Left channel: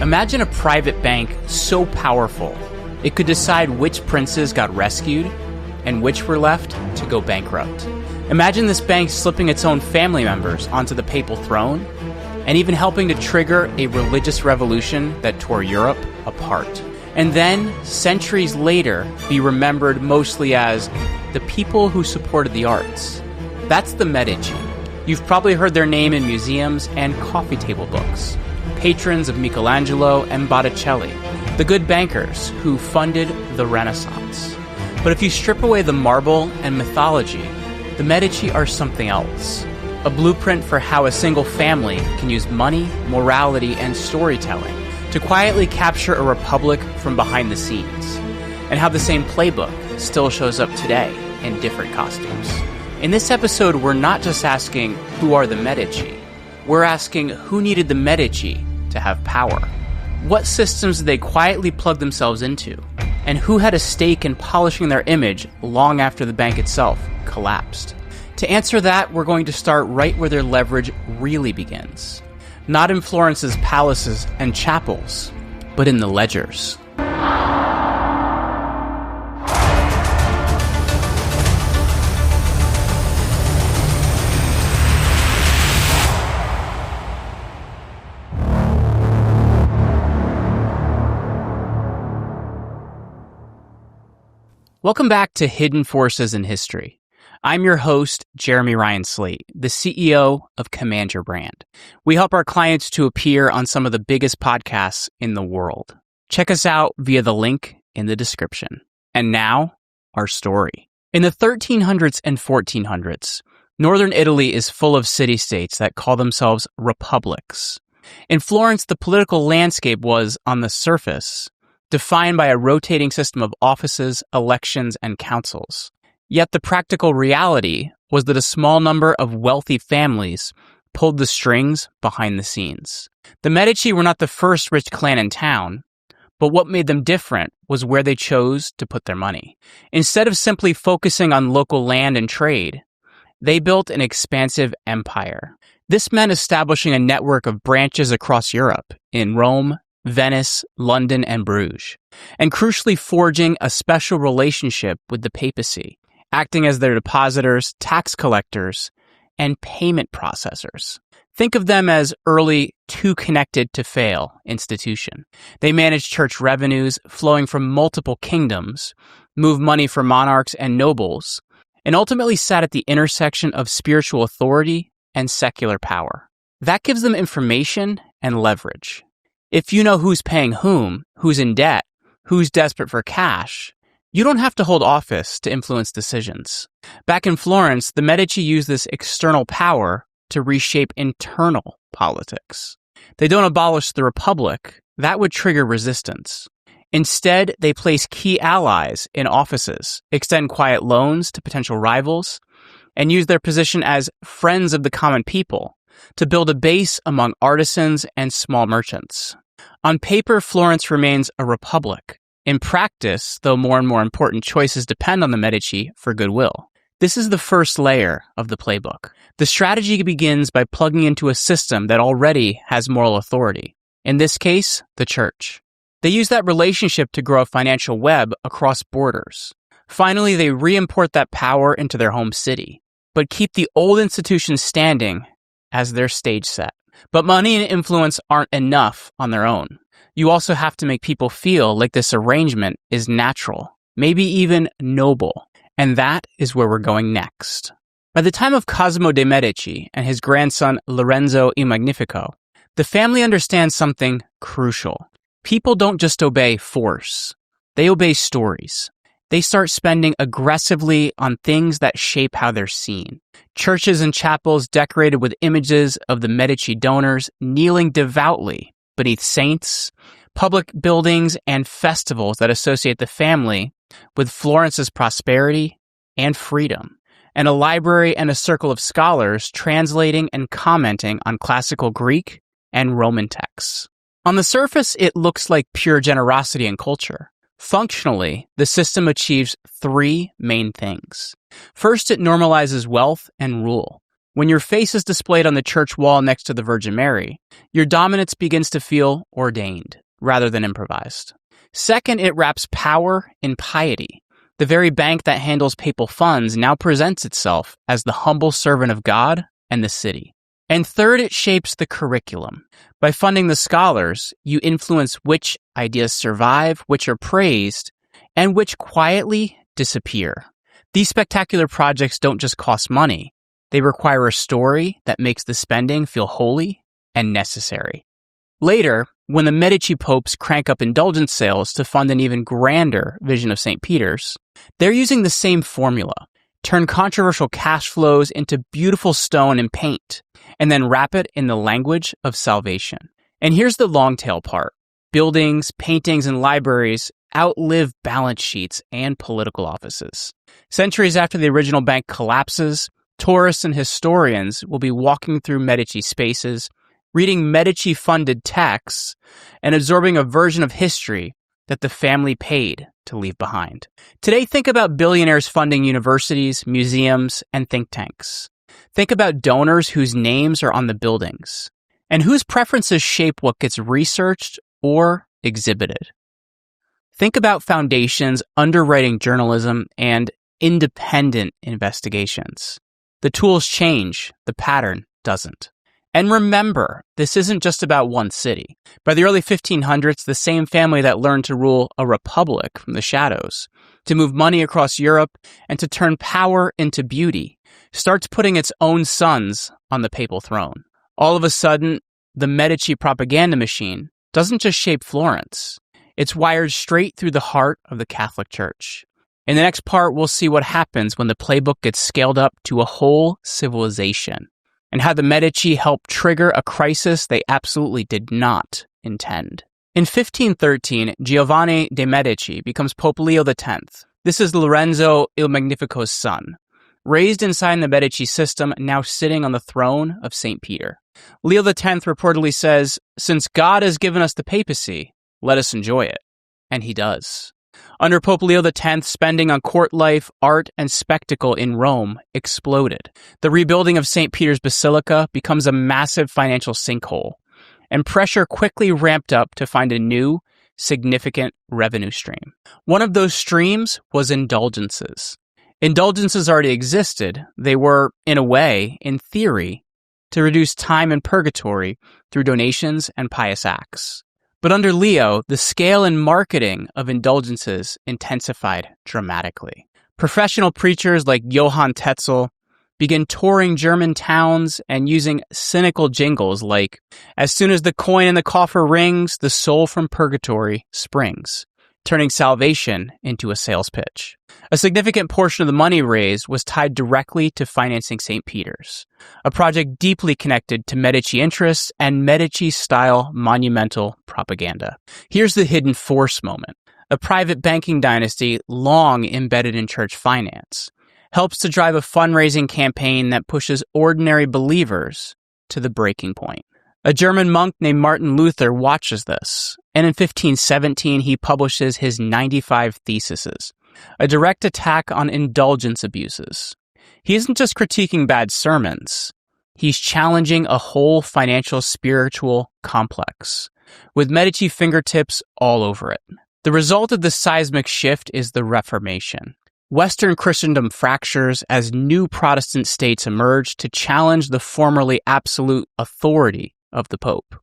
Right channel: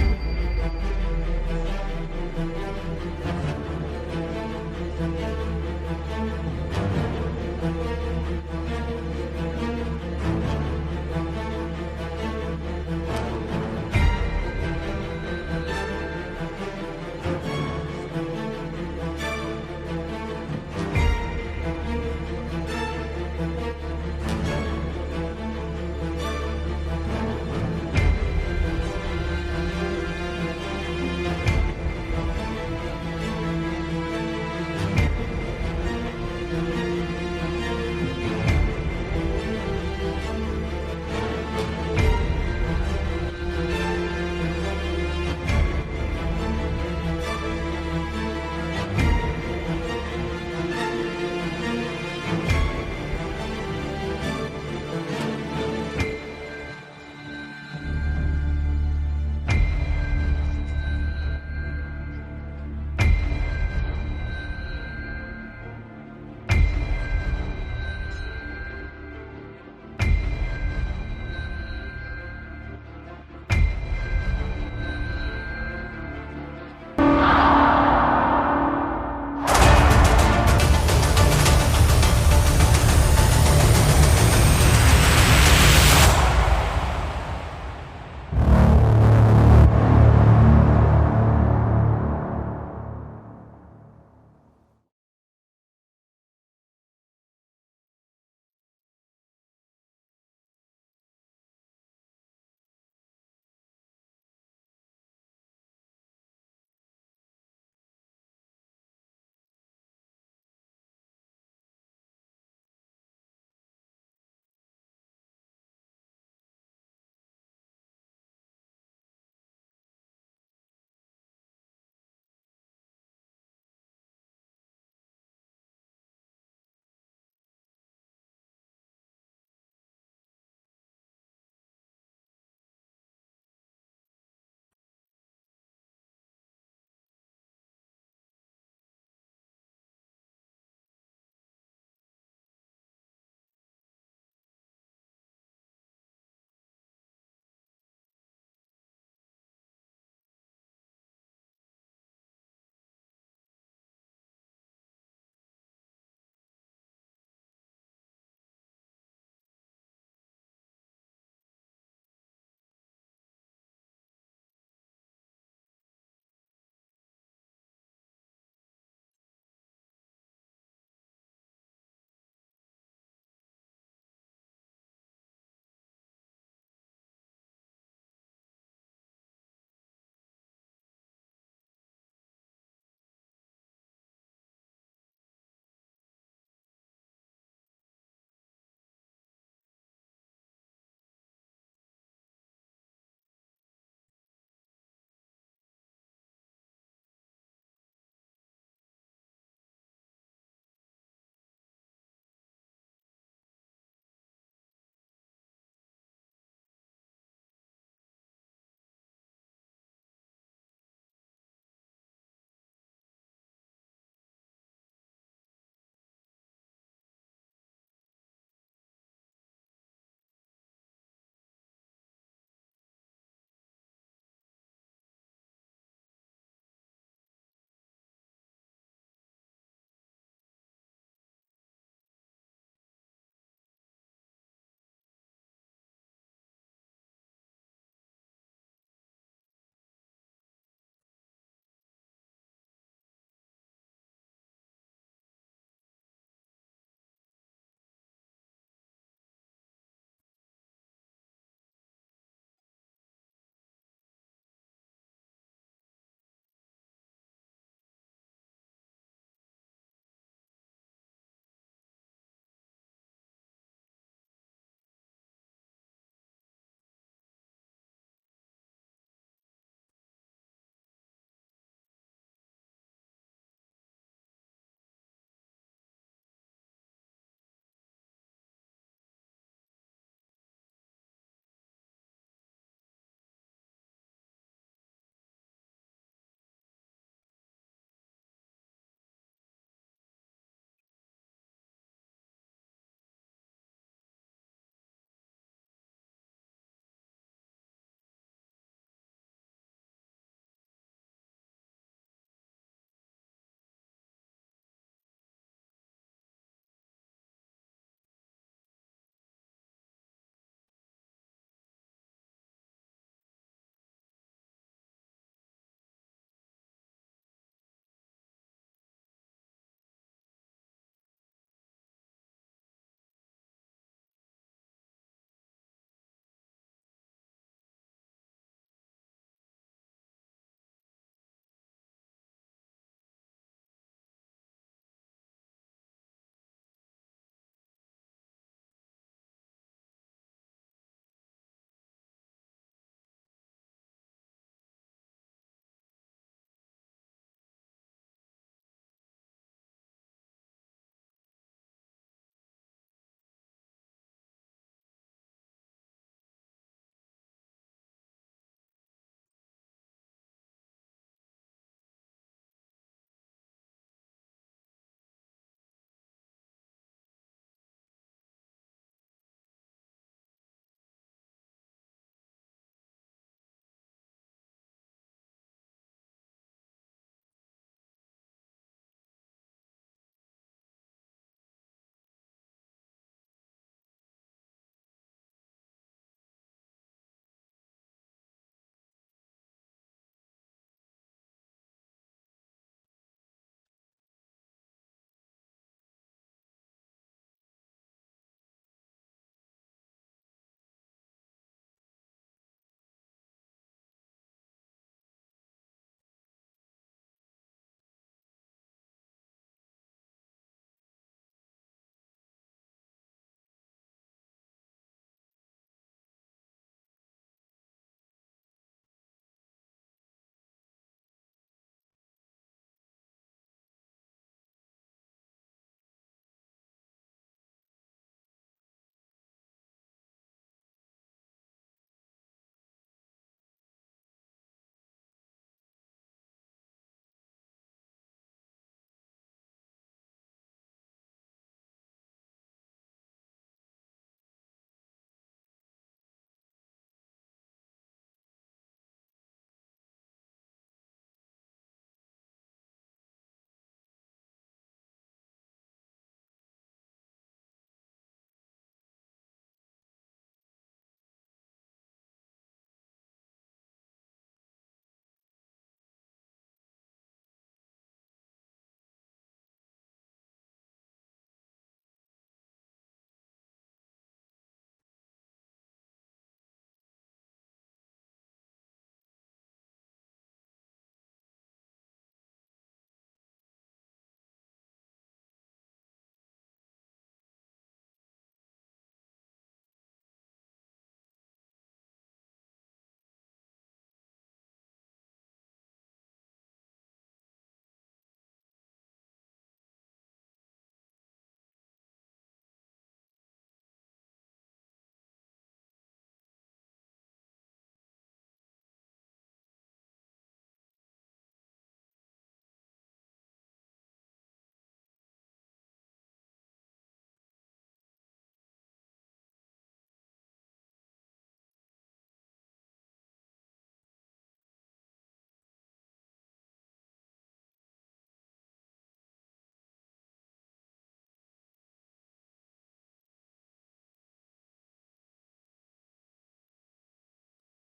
Imagine a private bank so powerful, it could decide which princes got rescued and which were left to go bankrupt. Imagine this bank slipping its own family members onto the papal throne and even helping to trigger a religious revolution that tore Europe apart. And then, centuries later, be remembered mostly as the people who supported the arts. That's the Medici. You've probably heard their name in museums and coffee table books. Patrons of Michelangelo and Botticelli, the good bankers who funded the Renaissance. But if you strip away the marble and mythology, the Medici are something else. A blueprint for how a single family can use money, morality, and storytelling to quietly capture a republic from behind the scenes, and how the same playbook still shows up today in different costumes. In this episode, we're not just asking who are the Medici, we're asking who needed the Medici to have power. What systems did they quietly plug themselves into? And who had a stake in polishing their image long after the bank itself collapsed? To answer that, we're going to start right where their leverage really begins. Not in Florence's palaces and chapels, but in the ledgers. Welcome back to Hidden Forces in History. I'm your host, Jeremy Ryan Slate, the CEO of Command Your Brand. We help our clients to appear on some of the biggest podcasts in the world. Check us out via the link in the description. And now, our story. In the 1300s and 1400s, northern Italy is full of city-states that call themselves republics. In Florence, the political landscape was, on the surface, defined by a rotating system of offices, elections, and councils. Yet the practical reality was that a small number of wealthy families pulled the strings behind the scenes. The Medici were not the first rich clan in town, but what made them different was where they chose to put their money. Instead of simply focusing on local land and trade, they built an expansive empire. This meant establishing a network of branches across Europe, in Rome, Venice, London, and Bruges, and crucially forging a special relationship with the papacy, acting as their depositors, tax collectors, and payment processors. Think of them as early too-connected-to-fail institution. They managed church revenues flowing from multiple kingdoms, moved money for monarchs and nobles, and ultimately sat at the intersection of spiritual authority and secular power. That gives them information and leverage. If you know who's paying whom, who's in debt, who's desperate for cash, you don't have to hold office to influence decisions. Back in Florence, the Medici used this external power to reshape internal politics. They don't abolish the Republic. That would trigger resistance. Instead, they place key allies in offices, extend quiet loans to potential rivals, and use their position as friends of the common people to build a base among artisans and small merchants. On paper, Florence remains a republic. In practice, though more and more important choices depend on the Medici for goodwill. This is the first layer of the playbook. The strategy begins by plugging into a system that already has moral authority. In this case, the church. They use that relationship to grow a financial web across borders. Finally, they re-import that power into their home city, but keep the old institutions standing as their stage set. But money and influence aren't enough on their own. You also have to make people feel like this arrangement is natural, maybe even noble. And that is where we're going next. By the time of Cosimo de' Medici and his grandson Lorenzo il Magnifico, the family understands something crucial. People don't just obey force. They obey stories. They start spending aggressively on things that shape how they're seen. Churches and chapels decorated with images of the Medici donors kneeling devoutly beneath saints, public buildings, and festivals that associate the family with Florence's prosperity and freedom, and a library and a circle of scholars translating and commenting on classical Greek and Roman texts. On the surface, it looks like pure generosity and culture. Functionally, the system achieves three main things. First, it normalizes wealth and rule. When your face is displayed on the church wall next to the Virgin Mary, your dominance begins to feel ordained rather than improvised. Second, it wraps power in piety. The very bank that handles papal funds now presents itself as the humble servant of God and the city. And third, it shapes the curriculum. By funding the scholars, you influence which ideas survive, which are praised, and which quietly disappear. These spectacular projects don't just cost money. They require a story that makes the spending feel holy and necessary. Later, when the Medici popes crank up indulgence sales to fund an even grander vision of St. Peter's, they're using the same formula. Turn controversial cash flows into beautiful stone and paint, and then wrap it in the language of salvation. And here's the long tail part. Buildings, paintings, and libraries outlive balance sheets and political offices. Centuries after the original bank collapses, tourists and historians will be walking through Medici spaces, reading Medici-funded texts, and absorbing a version of history that the family paid to leave behind. Today, think about billionaires funding universities, museums, and think tanks. Think about donors whose names are on the buildings, and whose preferences shape what gets researched or exhibited. Think about foundations underwriting journalism and independent investigations. The tools change, the pattern doesn't. And remember, this isn't just about one city. By the early 1500s, the same family that learned to rule a republic from the shadows, to move money across Europe, and to turn power into beauty, starts putting its own sons on the papal throne. All of a sudden, the Medici propaganda machine doesn't just shape Florence. It's wired straight through the heart of the Catholic Church. In the next part, we'll see what happens when the playbook gets scaled up to a whole civilization, and how the Medici helped trigger a crisis they absolutely did not intend. In 1513, Giovanni de' Medici becomes Pope Leo X. This is Lorenzo il Magnifico's son, raised inside the Medici system, now sitting on the throne of St. Peter. Leo X reportedly says, "Since God has given us the papacy, let us enjoy it." And he does. Under Pope Leo X, spending on court life, art, and spectacle in Rome exploded. The rebuilding of St. Peter's Basilica becomes a massive financial sinkhole, and pressure quickly ramped up to find a new, significant revenue stream. One of those streams was indulgences. Indulgences already existed. They were, in a way, in theory, to reduce time in purgatory through donations and pious acts. But under Leo, the scale and marketing of indulgences intensified dramatically. Professional preachers like Johann Tetzel began touring German towns and using cynical jingles like, "As soon as the coin in the coffer rings, the soul from purgatory springs," turning salvation into a sales pitch. A significant portion of the money raised was tied directly to financing St. Peter's, a project deeply connected to Medici interests and Medici-style monumental propaganda. Here's the hidden force moment. A private banking dynasty long embedded in church finance helps to drive a fundraising campaign that pushes ordinary believers to the breaking point. A German monk named Martin Luther watches this, and in 1517 he publishes his 95 Theses, a direct attack on indulgence abuses. He isn't just critiquing bad sermons, he's challenging a whole financial spiritual complex, with Medici fingertips all over it. The result of this seismic shift is the Reformation. Western Christendom fractures as new Protestant states emerge to challenge the formerly absolute authority of the Pope.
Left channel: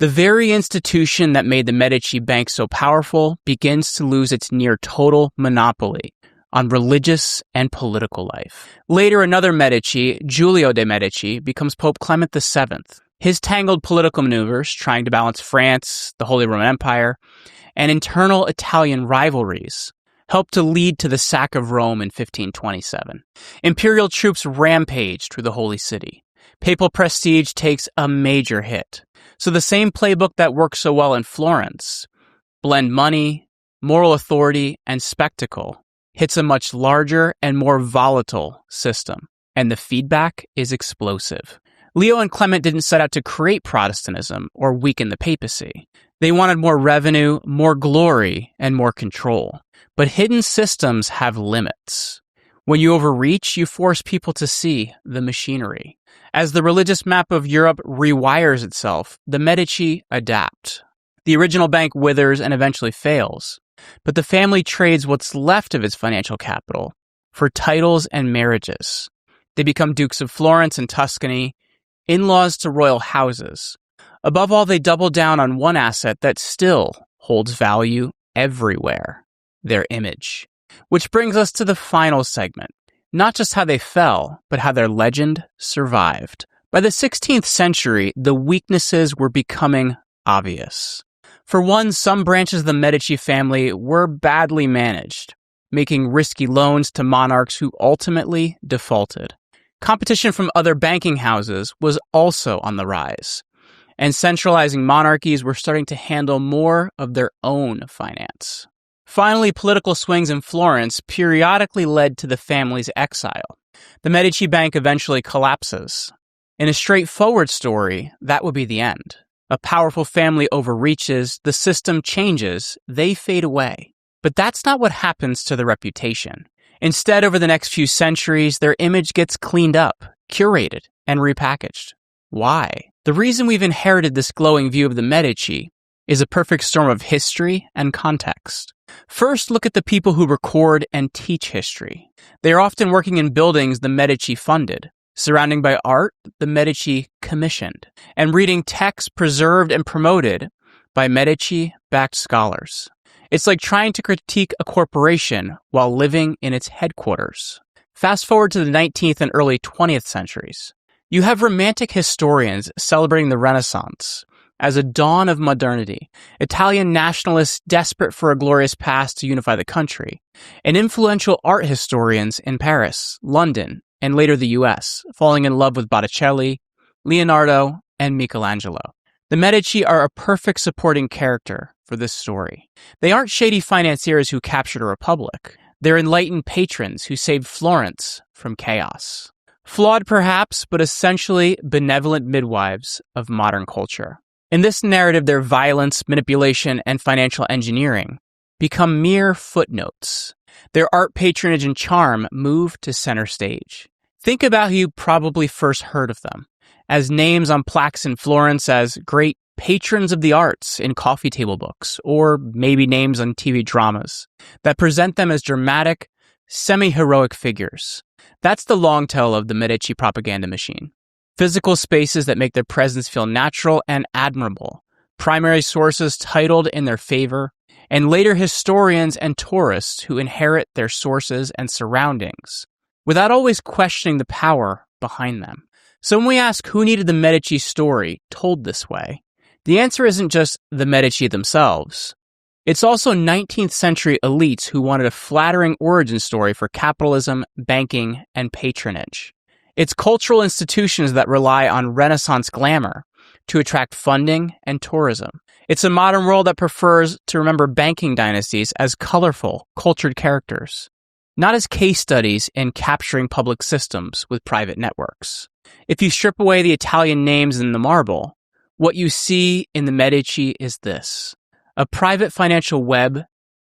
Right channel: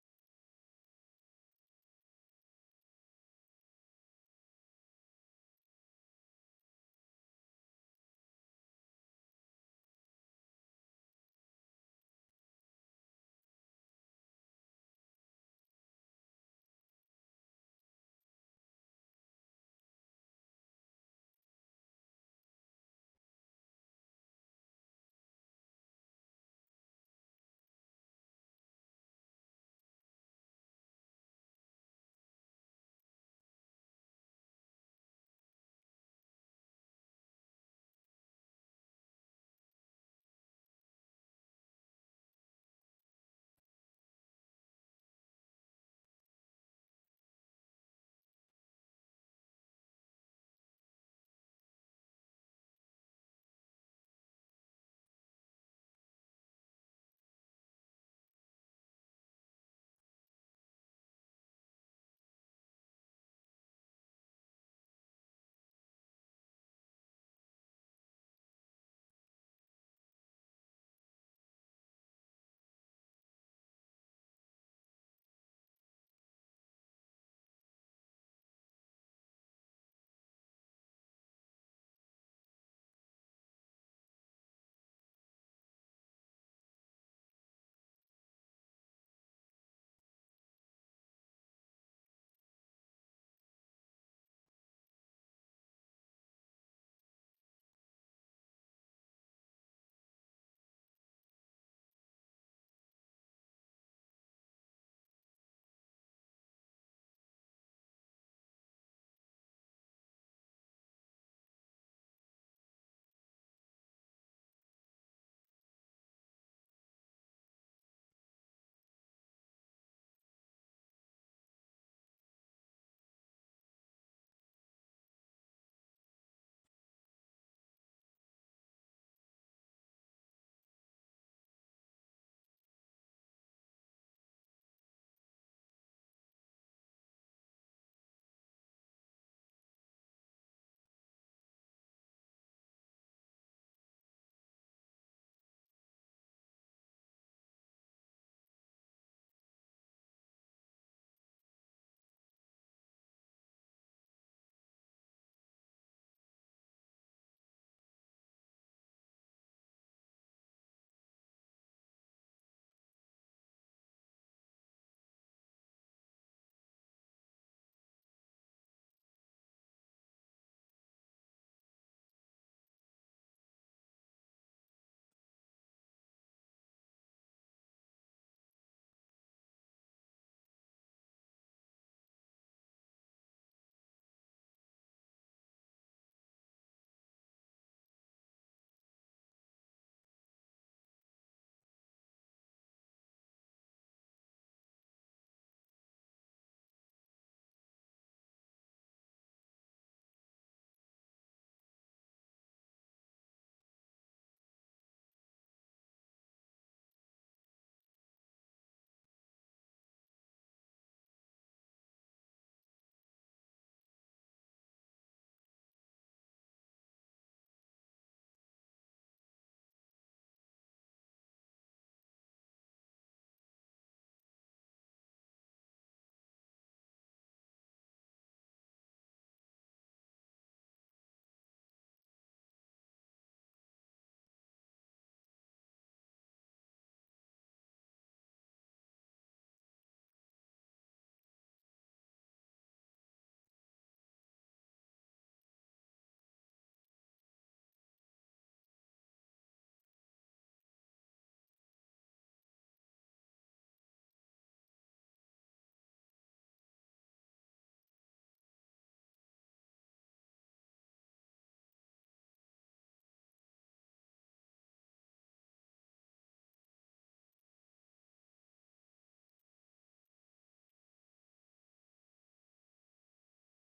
The very institution that made the Medici Bank so powerful begins to lose its near total monopoly on religious and political life. Later, another Medici, Giulio de' Medici, becomes Pope Clement VII. His tangled political maneuvers, trying to balance France, the Holy Roman Empire, and internal Italian rivalries, helped to lead to the sack of Rome in 1527. Imperial troops rampage through the Holy City. Papal prestige takes a major hit. So the same playbook that worked so well in Florence, blend money, moral authority, and spectacle, hits a much larger and more volatile system, and the feedback is explosive. Leo and Clement didn't set out to create Protestantism or weaken the papacy. They wanted more revenue, more glory, and more control. But hidden systems have limits. When you overreach, you force people to see the machinery. As the religious map of Europe rewires itself, the Medici adapt. The original bank withers and eventually fails, but the family trades what's left of its financial capital for titles and marriages. They become Dukes of Florence and Tuscany, in-laws to royal houses. Above all, they double down on one asset that still holds value everywhere: their image. Which brings us to the final segment. Not just how they fell, but how their legend survived. By the 16th century, the weaknesses were becoming obvious. For one, some branches of the Medici family were badly managed, making risky loans to monarchs who ultimately defaulted. Competition from other banking houses was also on the rise, and centralizing monarchies were starting to handle more of their own finance. Finally, political swings in Florence periodically led to the family's exile. The Medici Bank eventually collapses. In a straightforward story, that would be the end. A powerful family overreaches, the system changes, they fade away. But that's not what happens to their reputation. Instead, over the next few centuries, their image gets cleaned up, curated, and repackaged. Why? The reason we've inherited this glowing view of the Medici is a perfect storm of history and context. First, look at the people who record and teach history. They are often working in buildings the Medici funded, surrounding by art the Medici commissioned, and reading texts preserved and promoted by Medici-backed scholars. It's like trying to critique a corporation while living in its headquarters. Fast forward to the 19th and early 20th centuries. You have Romantic historians celebrating the Renaissance as a dawn of modernity, Italian nationalists desperate for a glorious past to unify the country, and influential art historians in Paris, London, and later the US, falling in love with Botticelli, Leonardo, and Michelangelo. The Medici are a perfect supporting character for this story. They aren't shady financiers who captured a republic. They're enlightened patrons who saved Florence from chaos. Flawed perhaps, but essentially benevolent midwives of modern culture. In this narrative, their violence, manipulation, and financial engineering become mere footnotes. Their art patronage and charm move to center stage. Think about who you probably first heard of them, as names on plaques in Florence, as great patrons of the arts in coffee table books, or maybe names on TV dramas that present them as dramatic, semi-heroic figures. That's the long tail of the Medici propaganda machine. Physical spaces that make their presence feel natural and admirable, primary sources titled in their favor, and later historians and tourists who inherit their sources and surroundings, without always questioning the power behind them. So when we ask who needed the Medici story told this way, the answer isn't just the Medici themselves. It's also 19th century elites who wanted a flattering origin story for capitalism, banking, and patronage. It's cultural institutions that rely on Renaissance glamour to attract funding and tourism. It's a modern world that prefers to remember banking dynasties as colorful, cultured characters, not as case studies in capturing public systems with private networks. If you strip away the Italian names and the marble, what you see in the Medici is this: a private financial web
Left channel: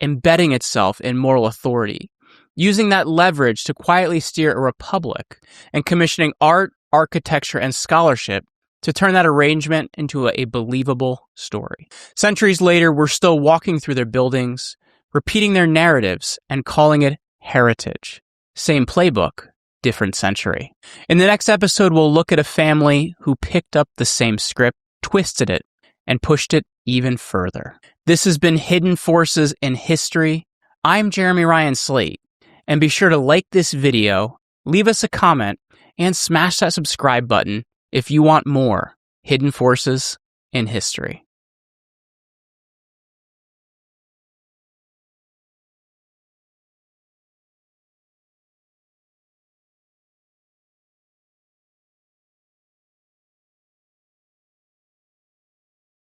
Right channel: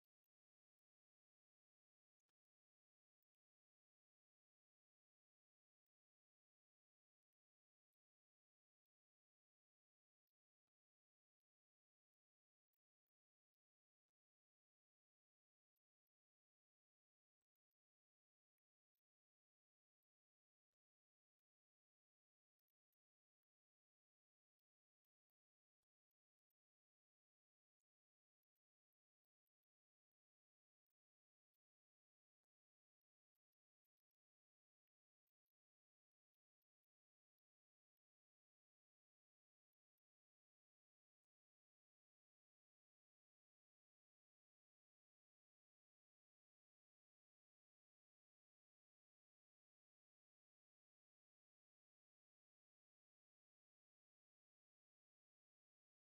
embedding itself in moral authority, using that leverage to quietly steer a republic, and commissioning art, architecture, and scholarship to turn that arrangement into a believable story. Centuries later, we're still walking through their buildings, repeating their narratives, and calling it heritage. Same playbook, different century. In the next episode, we'll look at a family who picked up the same script, twisted it, and pushed it even further. This has been Hidden Forces in History. I'm Jeremy Ryan Slate. And be sure to like this video, leave us a comment, and smash that subscribe button if you want more Hidden Forces in History.